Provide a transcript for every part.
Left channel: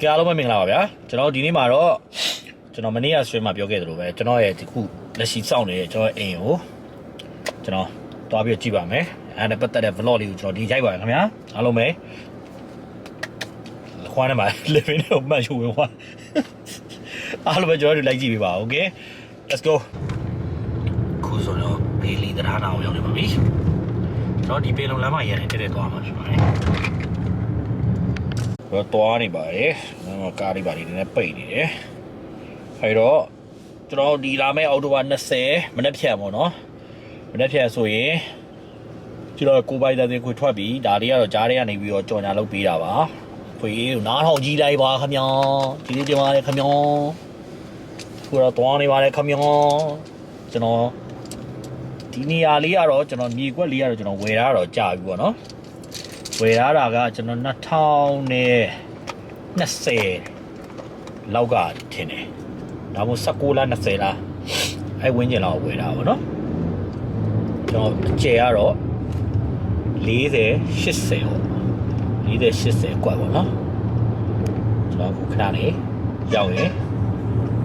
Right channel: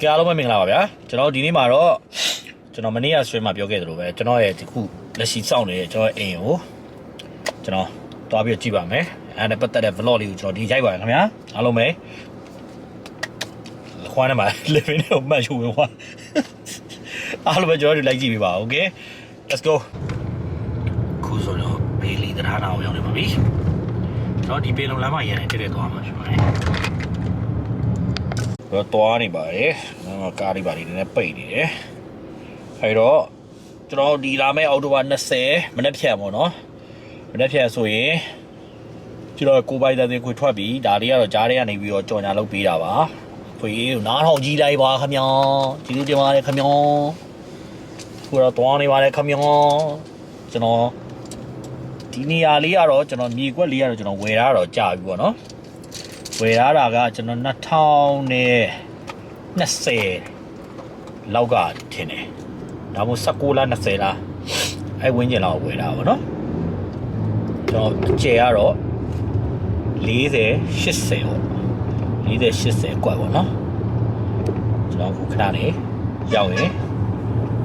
ကြအားလုံးပဲမင်္ဂလာပါဗျာကျွန်တော်ဒီနေ့မှာတော့ကျွန်တော်မနေ့က stream မှာပြောခဲ့သလိုပဲကျွန်တော်ရဲ့ဒီခုလက်ရှိစောင့်နေတဲ့ကျွန်တော်ရဲ့အိမ်ကိုကျွန်တော်တွားပြီးတော့ကြည့်ပါမယ်အဲ့ဒါနဲ့ပတ်သက်တဲ့ vlog လေးကိုကျွန်တော်ဒီရိုက်ပါမယ်ခင်ဗျာအားလုံးပဲခွားနေမှာ living ကိုမှတ်ယူဝင်ခွာအားလုံးပဲကျွန်တော်တို့လိုက်ကြည့်ပေးပါ okay let's go ခုဆိုတော့ဘေလီတရားနာကိုရောက်နေပါပြီကျွန်တော်ဒီပေလုံလမ်းမှာရန်နေတက်တက်သွားမှာဖြစ်ပါတယ် တော့တွားနေပါတယ်။နော်ကားလေးပါလေးနည်းနည်းပိတ်နေတယ်။အဲတော့ကျွန်တော်ဒီလာမယ့်အောက်တိုဘာ20မနေ့ဖြန်ပေါ့နော်။မနေ့ဖြန်ဆိုရင်ကျွန်တော်ကိုပိုင်တဲ့တင်ခွေထွက်ပြီးဒါလေးကတော့ကြားထဲကနေပြီးတော့ကြော်ညာလုပ်ပေးတာပါ။ခွေကိုနားထောင်ကြည့်လိုက်ပါခမညာ။ဒီလေးတင်ပါတယ်ခမညာ။ခုတော့တွားနေပါတယ်ခမညာ။ကျွန်တော်ဒီနေရာလေးကတော့ကျွန်တော်မြေကွက်လေးကတော့ကျွန်တော်ဝယ်ထားတော့ကြာပြီပေါ့နော်။ ဝယ်ထားတာကကျွန်တော်2020လောက်ကထင်တယ်။ဒါမှမဟုတ်19လား20လားအဲဝင်းကျင်လောက်ဝယ်တာပေါ့နော်။ကျွန်တော်အကျယ်ကတော့40 80ပေါ့။40 80กว่าပေါ့နော်။ကျွန်တော်ခုခဏလေးရောက်ရင်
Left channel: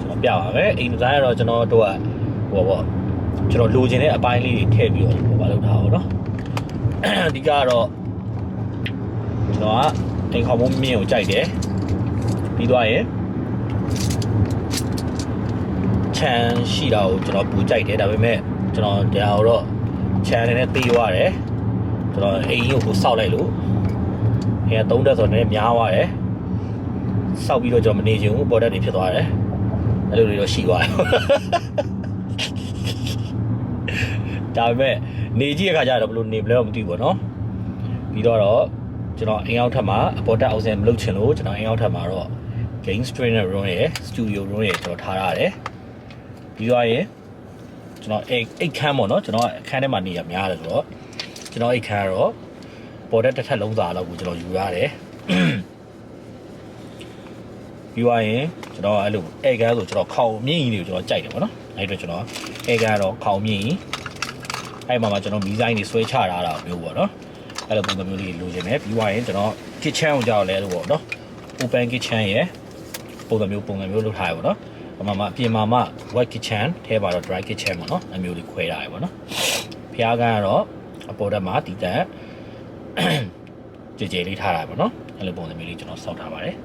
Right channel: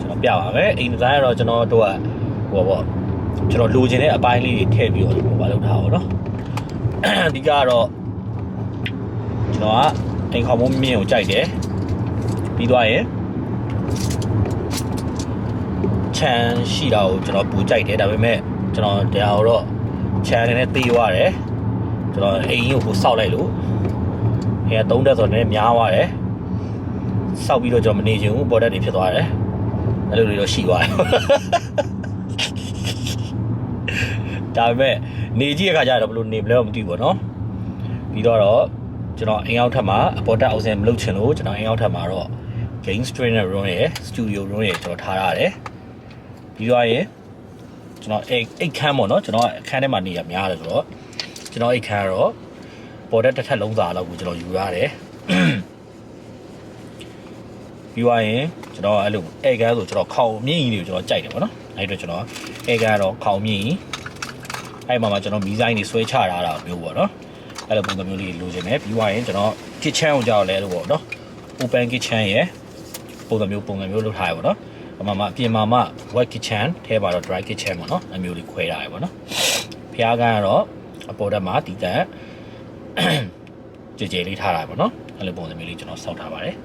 ကျွန်တော်ပြပါမယ်။အိမ်ဒီဇိုင်းကတော့ကျွန်တော်တို့ကဟိုပေါ့ကျွန်တော်လိုချင်တဲ့အပိုင်းလေးတွေထည့်ပြီးတော့ဟိုပါလုပ်ထားပါတော့။အဓိကကတော့ ကျွန်တော်ကအိမ်ခေါင်မိုးမြင့်ကိုကြိုက်တယ်ပြီးသွားရင်ချန်ရှိတာကိုကျွန်တော်ပူကြိုက်တယ်ဒါပေမဲ့ကျွန်တော်တရားတော့ချန်နဲ့သေးသွားတယ်ကျွန်တော်အိမ်ကြီးကိုစောက်လိုက်လို့အဲသုံးတက်ဆိုတော့နည်းနည်းများသွားတယ်စောက်ပြီးတော့ကျွန်တော်မနေချင်ဘူးပေါ်တက်နေဖြစ်သွားတယ်အဲ့လိုတွေတော့ရှိသွားတယ်ဒါပေမဲ့နေကြည့်ရခါကျတော့ဘယ်လိုနေမလဲမသိဘူးပေါ့နော်ပြီးတော့ ကျွန်တော်အိမ်အောက်ထပ်မှာအပေါ်တက်အောက်ဆင်မလုပ်ချင်လို့ကျွန်တော်အိမ်အောက်ထပ်မှာတော့ game trainer room ရဲ့ studio room ရဲ့ကျွန်တော်ထားရတယ်ပြီးသွားရင်ကျွန်တော်အိတ်အိတ်ခမ်းပေါ့နော်ကျွန်တော်အခန်းထဲမှာနေရများတယ်ဆိုတော့ကျွန်တော်အိတ်ခမ်းကတော့ပေါ်တက်တစ်ထပ်လုံးစာလောက်ကိုကျွန်တော်ယူရတယ်ပြီးသွားရင်ကျွန်တော်အဲ့လိုအိတ်ခမ်းဆိုကျွန်တော်ခေါင်မြင့်ကြီးတွေကိုကျွန်တော်ကြိုက်တယ်ပေါ့နော်အဲ့အတွက်ကျွန်တော်အိတ်ခမ်းကတော့ခေါင်မြင့်ကြီးအဲ့မှာမှကျွန်တော်မီဇိုင်းတွေဆွဲချထားတာမျိုးပေါ့နော် အဲ့လိုပုံစံမျိုးလေးလိုချင်တယ်ပြီးသွားရင်ကျွန်တော် kitchen ကိုကြောက်လဲလို့ပေါ့နော် open kitchen ရယ်ပုံစံမျိုးပုံစံမျိုးလုပ်ထားရပေါ့နော်အမှမအပြင်မှာမှ wet kitchen ထဲပါတော့ dry kitchen ပေါ့နော်အမျိုးလေးခွဲထားရပေါ့နော်ဖျားကန်းကတော့အပေါ်တက်မှာတည်တတ်ကြည်ကြည်လေးထားတာပေါ့နော်အဲ့လိုပုံစံမျိုးလေးကျွန်တော်စောက်ထားပါတယ်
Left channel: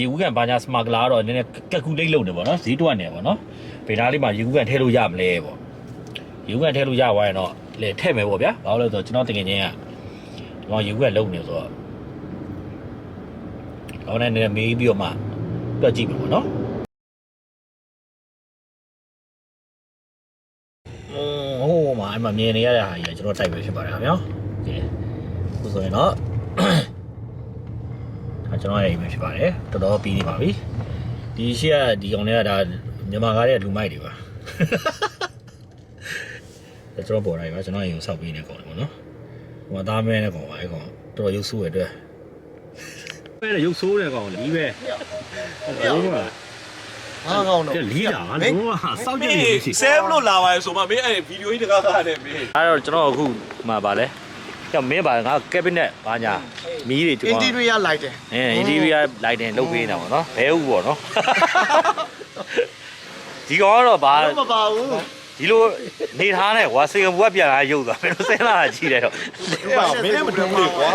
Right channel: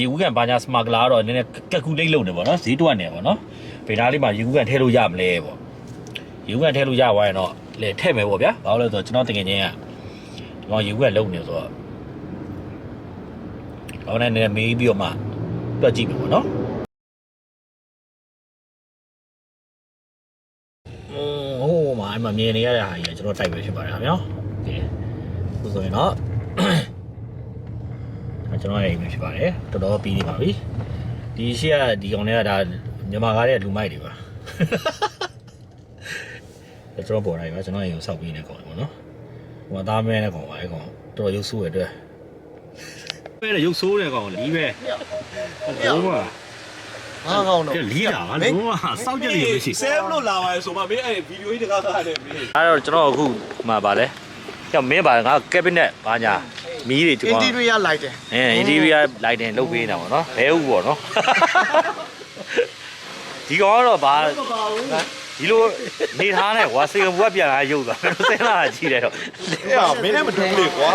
ရေကူးကန်ဘာညာစမဂလာတော့နည်းနည်းကက်ကူလိတ်လုပ်နေပေါ့နော်ဈေးတွက်နေပေါ့နော်ဗေဒါလေးမှာရေကူးကန်ထဲလို့ရမလဲပေါ့ရေကူးကန်ထဲလို့ရသွားရင်တော့ လေထည့်မယ်ပေါ့ဗျာဘာလို့လဲဆိုတော့ကျွန်တော်တကယ်ချင်းကဒီကောင်ရေကူးကန်လုံနေဆိုတော့ဟောနဲ့နည်းနည်းမေးပြီးတော့မှတွက်ကြည့်မယ်ပေါ့နော်อืมဟိုမှာအမမြင်နေရတဲ့ဟာကြီးကကျွန်တော်တိုက်ပဲဖြစ်ပါတယ်ခင်ဗျာဒီခုဆိုရင်တော့အဲကျွန်တော်ရဲ့အိမ်ပဲဖြစ်ပါတယ်တော်တော်ပြီးနေပါပြီဒီရှေ့ကဒီကောင်တွေကဒါမြန်မာကားတဲ့လူမိုက်တွေပါ ကျွန်တော်ပေါ်တိုင်းပါကျွန်တော်အိမ်ကိုစောက်ပြီးနေကောင်တယ်ပေါ့နော်ဟိုမှာသားမဲနဲ့ကောင်ပါအဲကောင်တော်တော်ရုပ်ဆိုးရတဲ့ပဲရုပ်ဆိုးတဲ့ကောင်လီးပဲဟုတ်ပါငါကောင်းတော့ကဲလီးတာလုံးဝစောက်ကြည့်နေရှိဆဲမလို့လာပါရဲ့ဆိုမှမင်းအဲ့ဗီဒီယိုကြီးတကားကားနဲ့မင်းအဲ့တော့ကျွန်တော်အခုမှပါလဲကြောက်မင်းပါငါကက်ဘိနက်ဘာညာမီးတွေကျွန်အင်တော်တီရီယာလိုက်တယ်အဲအင်ဒီဗီယာလိုက်တင်လုပ်ပေးနေတာပေါ့နော်ဘဲဥပေါ့နော်ဒီကောင်ကတော့ဘာမပါဘူး ဒီလိုနေထားနဲ့ကွာစေကဘူးကပြန်လာရုပ်သွားဘယ်လိုစင်းလာတာကြီးတယ်တော့အဲ့မင်းနဲ့မတူဘူးလေကွာ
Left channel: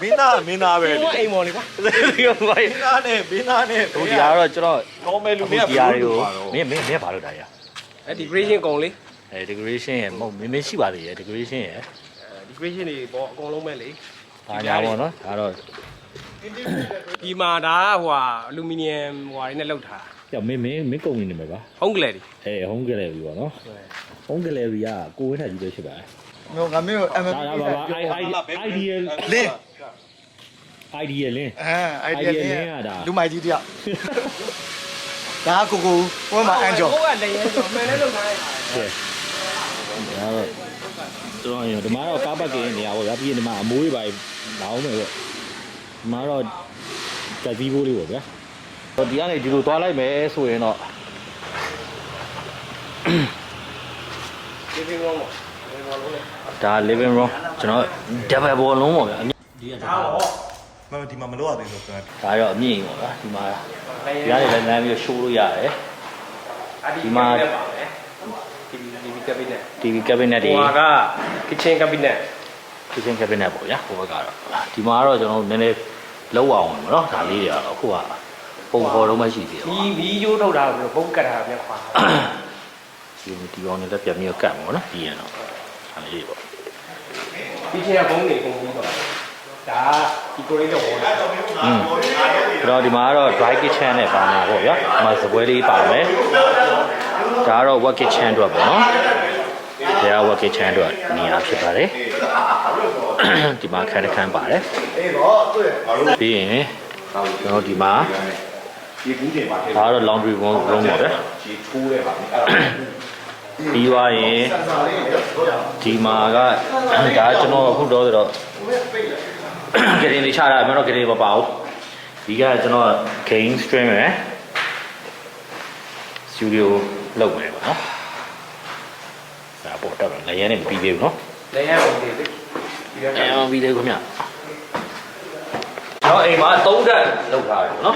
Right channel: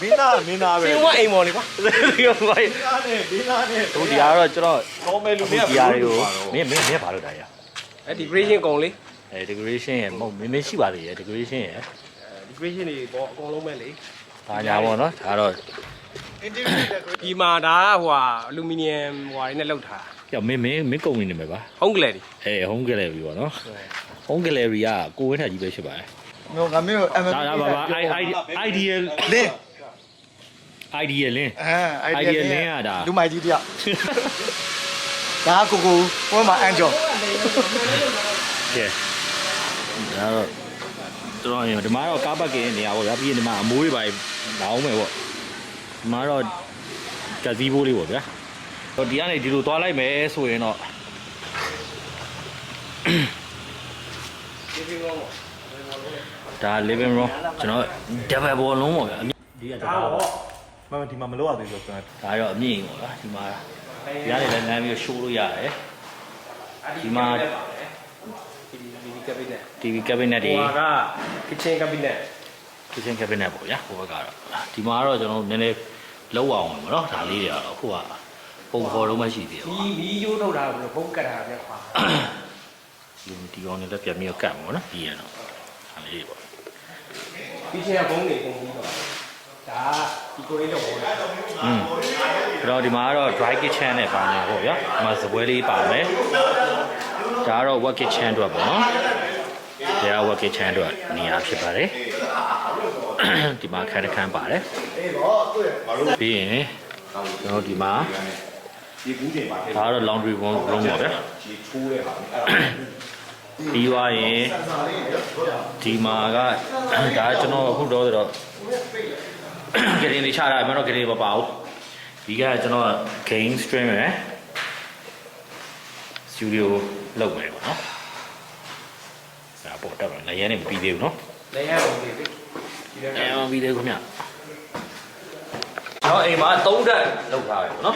မင်းသားမင်းသားပဲဒီကအိမ်မော်လေးကွာဒီကောင်ဘာမင်းသားနဲ့မင်းသားနဲ့ဟိုဒီကတော့ကျွန်တော်တော်မယ်လူအခုတွေကဒီဟာတွေကိုမင်းမင်းမင်းဘာလုပ်တာရအဲ decoration ကုံလေးအဲ decoration ရဲ့မဟုတ်မင်းမင်းရှိပါသေးရဲ့ decoration ရဲ့ decoration တွေပေါ့အကုန်လုံးပဲလေဘာညာပေါ့နော်ဒါတော့အင်တီရီယာဒီမှာဒါကဟိုဟာအလူမီနီယံဟိုဟာတွေနဲ့လုပ်ထား ကြောက်မင်းမင်းမင်းကုန်နေနေမှာပါဟုံးကလေးတွေအဲ home gallery ပေါ့နော် home gallery ကကိုဝင်းထက်ကြီးပဲဖြစ်ပါတယ်မျိုးငါမျိုး MMP ဒါဒါပါပါ ideal လင်း ideal လင်းအဲ idea idea လလင်းင်းရတာလူမိုက်ကြီးတယောက်ဒါကကိုကိုဟိုမှာအန်ဂျောဟုတ်ကလည်းရုပ်တော့မှန်လည်းလုပ်ထားတယ်ကဲဒါတော့ကျွန်တော်ရင်ဒီမှာတော့ကားပတ်ကင်းနေရာပေါ့ဗျာပြီးရင်ဒီမှာအမိုးတွေပါလောင်းမယ်ပေါ့ဒီမှာတော့ကဇီဘိုးလေးပေါ့ဗျာ ဟိုဒီကနေဒီလိုသွားလိုက်မယ်ဆိုရင်တော့ဒါ living room ကျွန်တော် double wall လုံးပေါ့ဒီကဒါပေါ့မမဒီမှာမလို့ရသေးလို့ကျွန်တော်ဒါရောက်အမြင့်ရပါဒီမှာဒီကနေလည်းလမ်းပြီးချိုးလို့ရတယ်ဒီမှာဒီဒီဒီကဘိနက်ဒီကဘိနက်ဒီဟိုက kitchen cabinet kitchen cabinet ပေါ့ဗျာဟိုကတော့ဒီမှာကတော့ကျွန်တော်နည်းနည်းလောက်အောင်နော်ဒါလေးရတော့အခုက ပုံပေါ်လုံးမရှိသေးဘူးဒီဒီရိုးထုတ်တာဆိုဘုံကတ်တာပဲခွာဒီဒီအောင်လည်းပြန်ပြီးကတ်ပါနော်ဒီရင်အဲ့လိုဒီချင်ကဘုံတွေကုန်ပြီးပါဒါဒီကိုလေးတော့ဟုတ်တယ်။ဒါဒီမှာတော့ dry kitchen နဲ့ပါမှာပေါ့ဗျာ။ဒီမှာစပွဲလေးပါမယ်။ဒါကတော့ work kitchen တော့ပေါ့နော်။ဒါက work kitchen တော့ဒီမှာဖြစ်ပါလေ။ဒီမှာ credit card ပါတယ်။အေးပေါ့တွေ့။ပြီးရင်ကျွန်တော်ဒီမှာ ဒီဘူးတွေပါထဲဒါကတော့ laundry room room ပဲဒီထိုးတယ်ပါအဲ့ဒါပြီးသွားရင်ဒီမှာကဒါကျွန်တော်အခုတော့တော့ဂရေချတာမတော့ဂရေမပါဘူးဒီကကျွန်တော် game stream ရယ် studio လုပ်နေတော့နော်ဒါပေါ်တော့ငရဲနဲ့ပြီးပြီနော်လည်းရအောင်ဒီဒီကကျွန်တော်ဗီဒီယိုခင်ဗျ ကျွန်တော်အိမ်မှာ၃ဓာတ်လောက်ထားတယ်နော်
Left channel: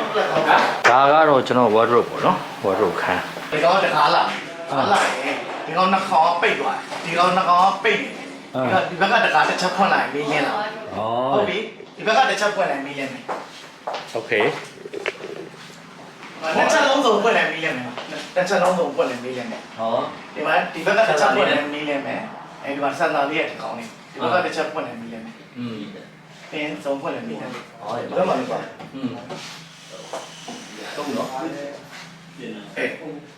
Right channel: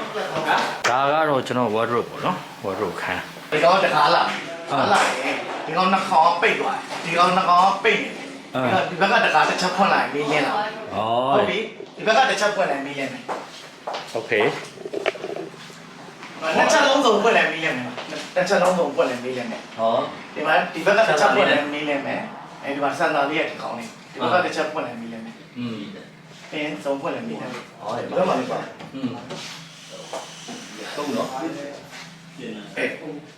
ဒါကတော့ကျွန်တော် wardrobe ပေါ့နော် wardrobe ခန်း ဒီကောင်တခါလာခါလာရင်ဒီကောင်နှာခေါင်းပိတ်သွားဒီကောင်နှာခေါင်းပိတ်နေဒီဘက်ကတခါတစ်ချက်ဖွင့်လိုက်မင်းလင်းလာ ဩ ဟုတ်ပြီဒီဘက်ကတစ်ချက်ဖွင့်လိုက်မင်းလင်းမယ် โอเค နှစ်ချက်လုံးစုံဖွင့်လိုက်မင်းလင်းမယ်တစ်ချက်လုံးစုံဖွင့်လိုက်မင်းလင်းမယ် ဟော ဒီမှာဒီဘက်ကတစ်ချက်ဖွင့်လိုက်မင်းလင်းမယ်အဲဒီမှာစံတော်လေးရဲ့ဒီကောင်လေးဒီဘက်ကတစ်ချက်ဖွင့်လိုက်မင်းလင်းမယ် อืม ပင်စုံဖွင့်လိုက်မင်းလင်းမယ် ဟောရ ဒီ ပါ ဘက်မှာလေးပါ อืมသုံးနော် အေး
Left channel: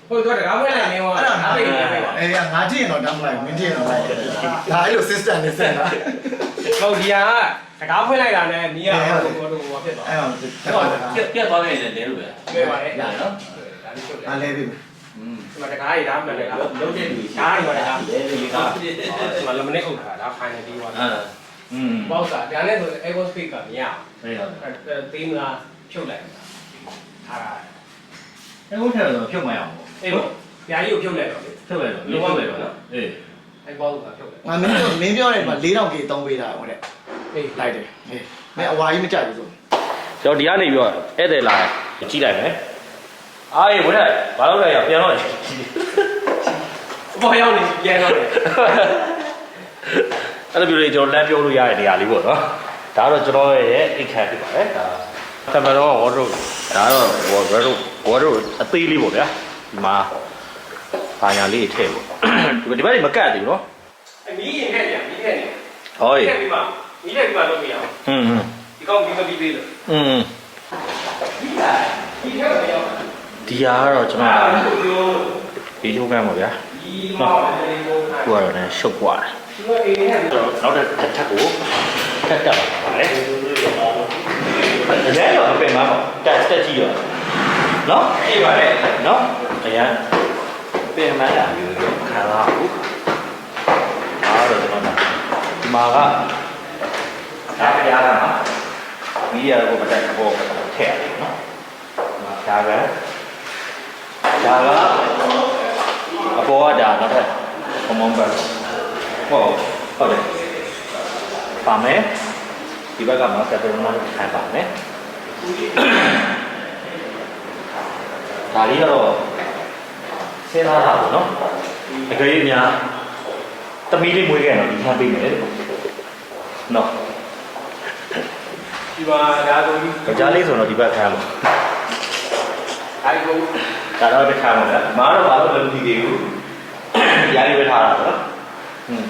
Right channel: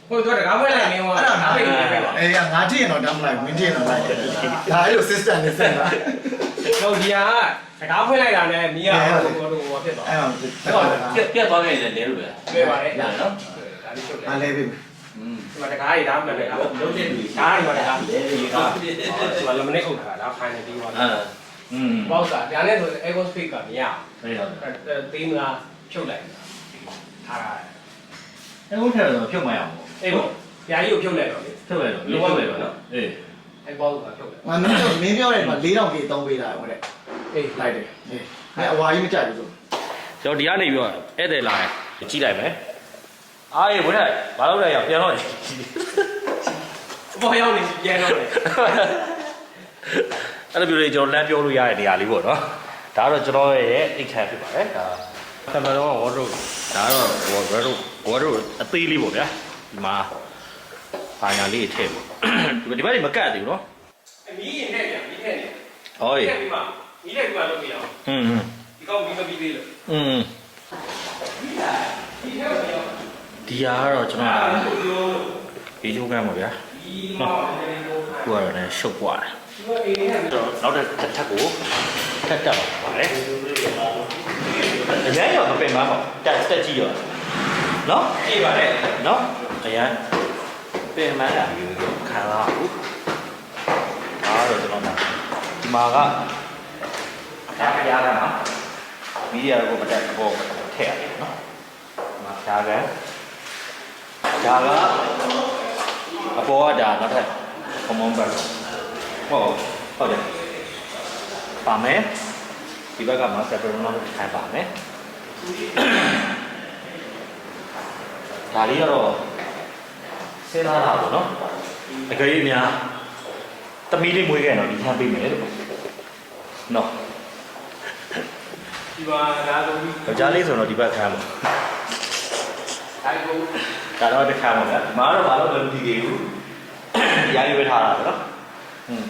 ဟိုတော့တကားမွေးလိုက်မင်းဟော အဲ့ဒါငါ ပိ ပိ တ် တ် နေ နေ ပိ ပိ တ် တ် ပါ ပါအေးငါကြည့်ရင်တော့တမ်းမလိုက်မင်းကြည့်ရင်တော့လိုက်ဒါအဲ့လို system နဲ့ဆက်တာ ဟုတ်ဒီဟာတကားဖွင့်လိုက်တာနဲ့နီးရဟိုဟိုဟိုဖြစ်သွား အဲ့တော့ အဲ့တော့ပြက်ပြက်သွားခဲ့တယ်လဲလို့ပဲ လွယ်ပါတယ် ရနော် ဒါလေးချုပ်တယ် အားလဲပြီ อืม ဒီမှာတကားကြီးဒါမှမဟုတ်တကား လုံးတဲ့လူ ဒါဒီမှာတကား လေဒီက ဒီမှာလမနစ်အုပ်ထားတာဒါဖိုင်နယ်ပြီးသွား အာ อืมဘောက်စာဒါနဲ့ဆို Echo Speak ကမရအောင်အဲ့တော့အဲသေးမလားဖြုတ်လိုက်ထားတာအဲ့ဘုထဲတော့ဖြုတ်မရအောင်အေးပေါ့ပြာကြီးကိုဖြုတ်လိုက်တော့လေဖြုတ်လိုက်တော့လုံးဝပဲနော်အေးအဲဘောက်ကဖြုတ်လိုက်ငါမင်းတို့မင်းပြောတယ်မှာ4000ကြီးသုံးပေးတာဟုတ်တယ်အေးလိုက်တယ်အေးမင်းအဝါကြီးမကြိုက်ဘူးဆိုတော့ဒီကနေရောဧည့်သည်လာကြည့်လိုက်မယ်အားရေဘုထဲဘာလို့လဲရပြန်တော့ဘောရောက်နေပြန်တော့တယ် အဲ့လိုမျိုးတွေကျွန်တော်လမ်းပြောလို့ရတဲ့နေရာလေးပေါ့နော်ဒါကတော့ကျွန်တော်ရဲ့အိတ်ခမ်းဖြစ်ပါတယ်ဒါသမတော်ဝါဒရိုဒါတော့ဝါဒရိုဝါဒရိုအသေးလေးပေါ့ဗျာဒီမှာဘာညာလေးထည့်ဒီဒီဘက်မကတ်ဘူးနော် အမီးရင်နဲ့ပြန်မီးနဲ့နေ ဟောရေ ပြီးမှမီးနဲ့ပြီးမှလုပ်ပြရအောင် อืม ဒီကောင်ဒီမပြီးသေးလို့ อืม ဒီရောက်ရောက် ဒီဟာကတော့ကျွန်တော် ဒီလို ဒီလိုကမ်းပါဗျာ ဒီမှာဒီလို ကိုကတော့ဆုတ်သွားတယ် ဒီလိုအေး နဲ့နောက်တစ်ထပ်ထပ်ကိုထပ်တက်ပါပါတယ်အရင်ရောမပင်မပေါ့တက်တက်ကြည့်ရောနော်ပြေးပါတယ်နော်အရင်ပင်မလာယူရောခံစားဘူးဒါတော့ကျွန်တော်ဒီမှာကဒါကြရတာမှာမီးရတော့မတက်ဘောထည့်ရတယ်နော်ဒါကဒါကအပေါ်ကဒါနောက်ထပ်ခမုန်းဘက် ဟုတ်ဟုတ်တယ်ပါမယ်ဒီဘက်ကမှာပက်ပရိုနိုခံပါမယ်ဒါလေးကတော့စဉ်းစားတာပေါ့နော်အကြိမ်များတမီးလေးမွေးခဲ့တော့ဒီခံပေးမယ်လို့နော်ဒီမှာဒါဆိုပြီးယောက်ျားလေးဆိုတော့ဒီဘက်ခံပါအဲဒီကိုဒါတော့တစ်ခါပါဗျာဒီမှာတော့ဘာလို့လဲမသိသေးဘူးဒီအားလေးပဲထားတာပေါ့နော် อืม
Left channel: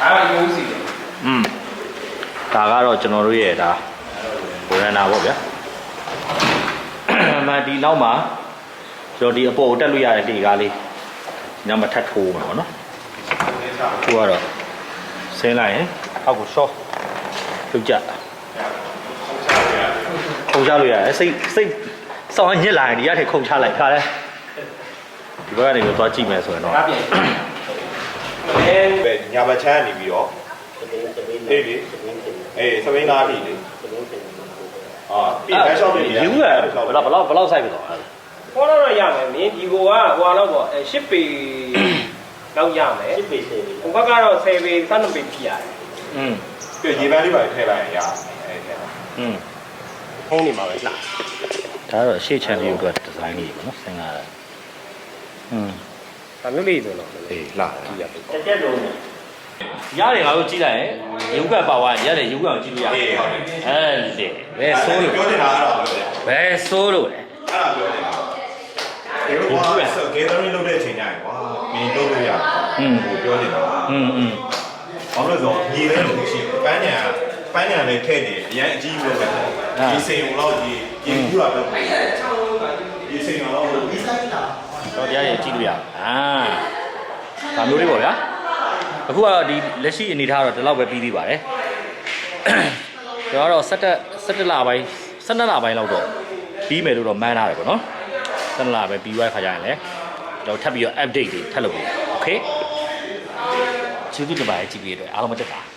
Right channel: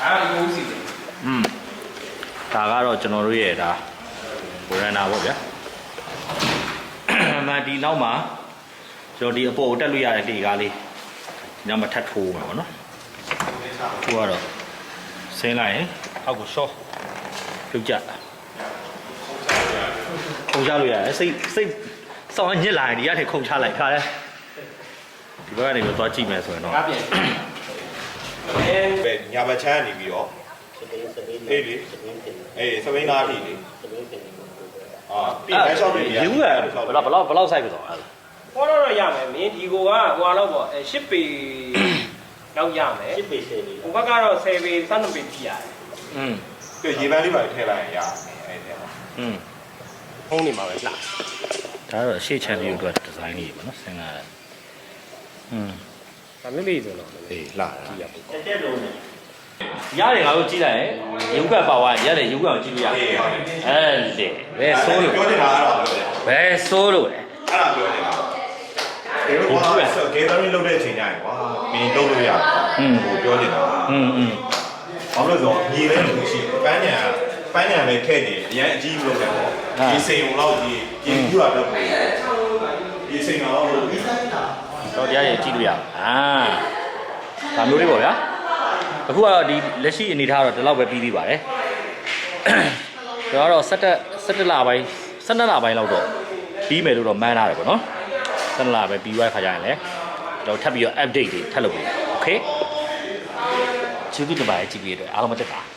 အဲဒီကိုစီတယ် อืมဒါကတော့ကျွန်တော်တို့ရဲ့ဒါဘိုရနာပေါ့ဗျာနာဒီနောက်မှာကျွန်တော်ဒီအပေါ်ကိုတက်လို့ရတဲ့ဒီကားလေးညမထပ်ထိုးမှာပေါ့နော်ထိုးကတော့ဆင်းလိုက်ရင်အောက်ကိုဆော့ထုတ်ကြခုံချလို့ရတယ်စိတ်စိတ်စောင်းညစ်လာရင်ဒီရတဲ့ခုံချလိုက်ခါလဲဒီဘက်ကနေတော့ကြည့်မယ်ဆိုရင်တော့ ကား ပြန်အဲ ပဲညာဘက်ချမ်းနေပြီးတော့အေးလေအေးစပိန်သားထိလေအာပြင်လမ်းလျှောက်နေ ယူရဘယ်လောက်ဘယ်လောက်ဘယ်လောက်စိုက်ပြတော့အဲ့ ဟောတော့ရမယ်မင်းဒီကိုကဟိုတော့ပေါ့အဲ10ပေလောက်ရမယ်10ပေ10ပေဟိုဘက်ကတော့10ပေ12ပေပြရတယ် อืม ပြရေပန်းလေးပါထည့်လိုက်ရင်ရအေး อืม ဖုံးနေမှာပဲလှ ဒါတော့ရှေ့ချန်ပြီးတော့ဒီဇိုင်းလေးပေါ့နော်ဆင်းလာတယ်อืม ဒါမျိုးလေးဆိုတော့အေးလှတာတစ်ချက်လုံးရတယ်ငါတို့ကြည့်လိုက်ရင်ရုပ်ကပါဝါရတယ်ရုပ်ကောင်ကြည့်လို့ရတယ်ဟဲ့လေဘယ်ဆိုးလို့ပြောနေတာကတော့ဘယ်ဆိုးလို့လဲအဲ့ဒါပြောနေတာဒီလိုပါဆို gathering လုပ်တဲ့အချိန်တိုင်းကွာမင်းလုပ်လို့ရတယ်ဟွန်းဟိုပြောနေတာဟွန်းဟွန်းဘာလို့လဲဆိုတော့ညီလေးလို့ရှိပန်းညာပန်းညာပဲထည့်နေအရင်အကြီးလို့ပဲဒီစိန်ုံလောက်ကြီးပြင်ပြတာတော့ဒီစိန်ုံလောက် တော်တရားရဲ့ကြည့်လို့ရအောင်အာဒါမျိုးလေးပေါ့ဗျာအခုကတော့ဒီလက်ရှိအနေထားတော့ဒီလောက်ပဲပြီးသေးပါတယ်ကျွန်တော်တော့17 17လပိုင်း17လပိုင်းလောက်တော့ပြီးမယ်လို့တော့မှန်းထားတယ်ပေါ့နော်17လပဲပြီးသွားခါကြရင်လည်းကျွန်တော်ထပ်ပြီးတော့ update တွေထပ်လုပ်ပေး okay ကျေးဇူးတင်ပါတယ်ကြည့်ပြီးတော့အားလုံးမတက်ပါ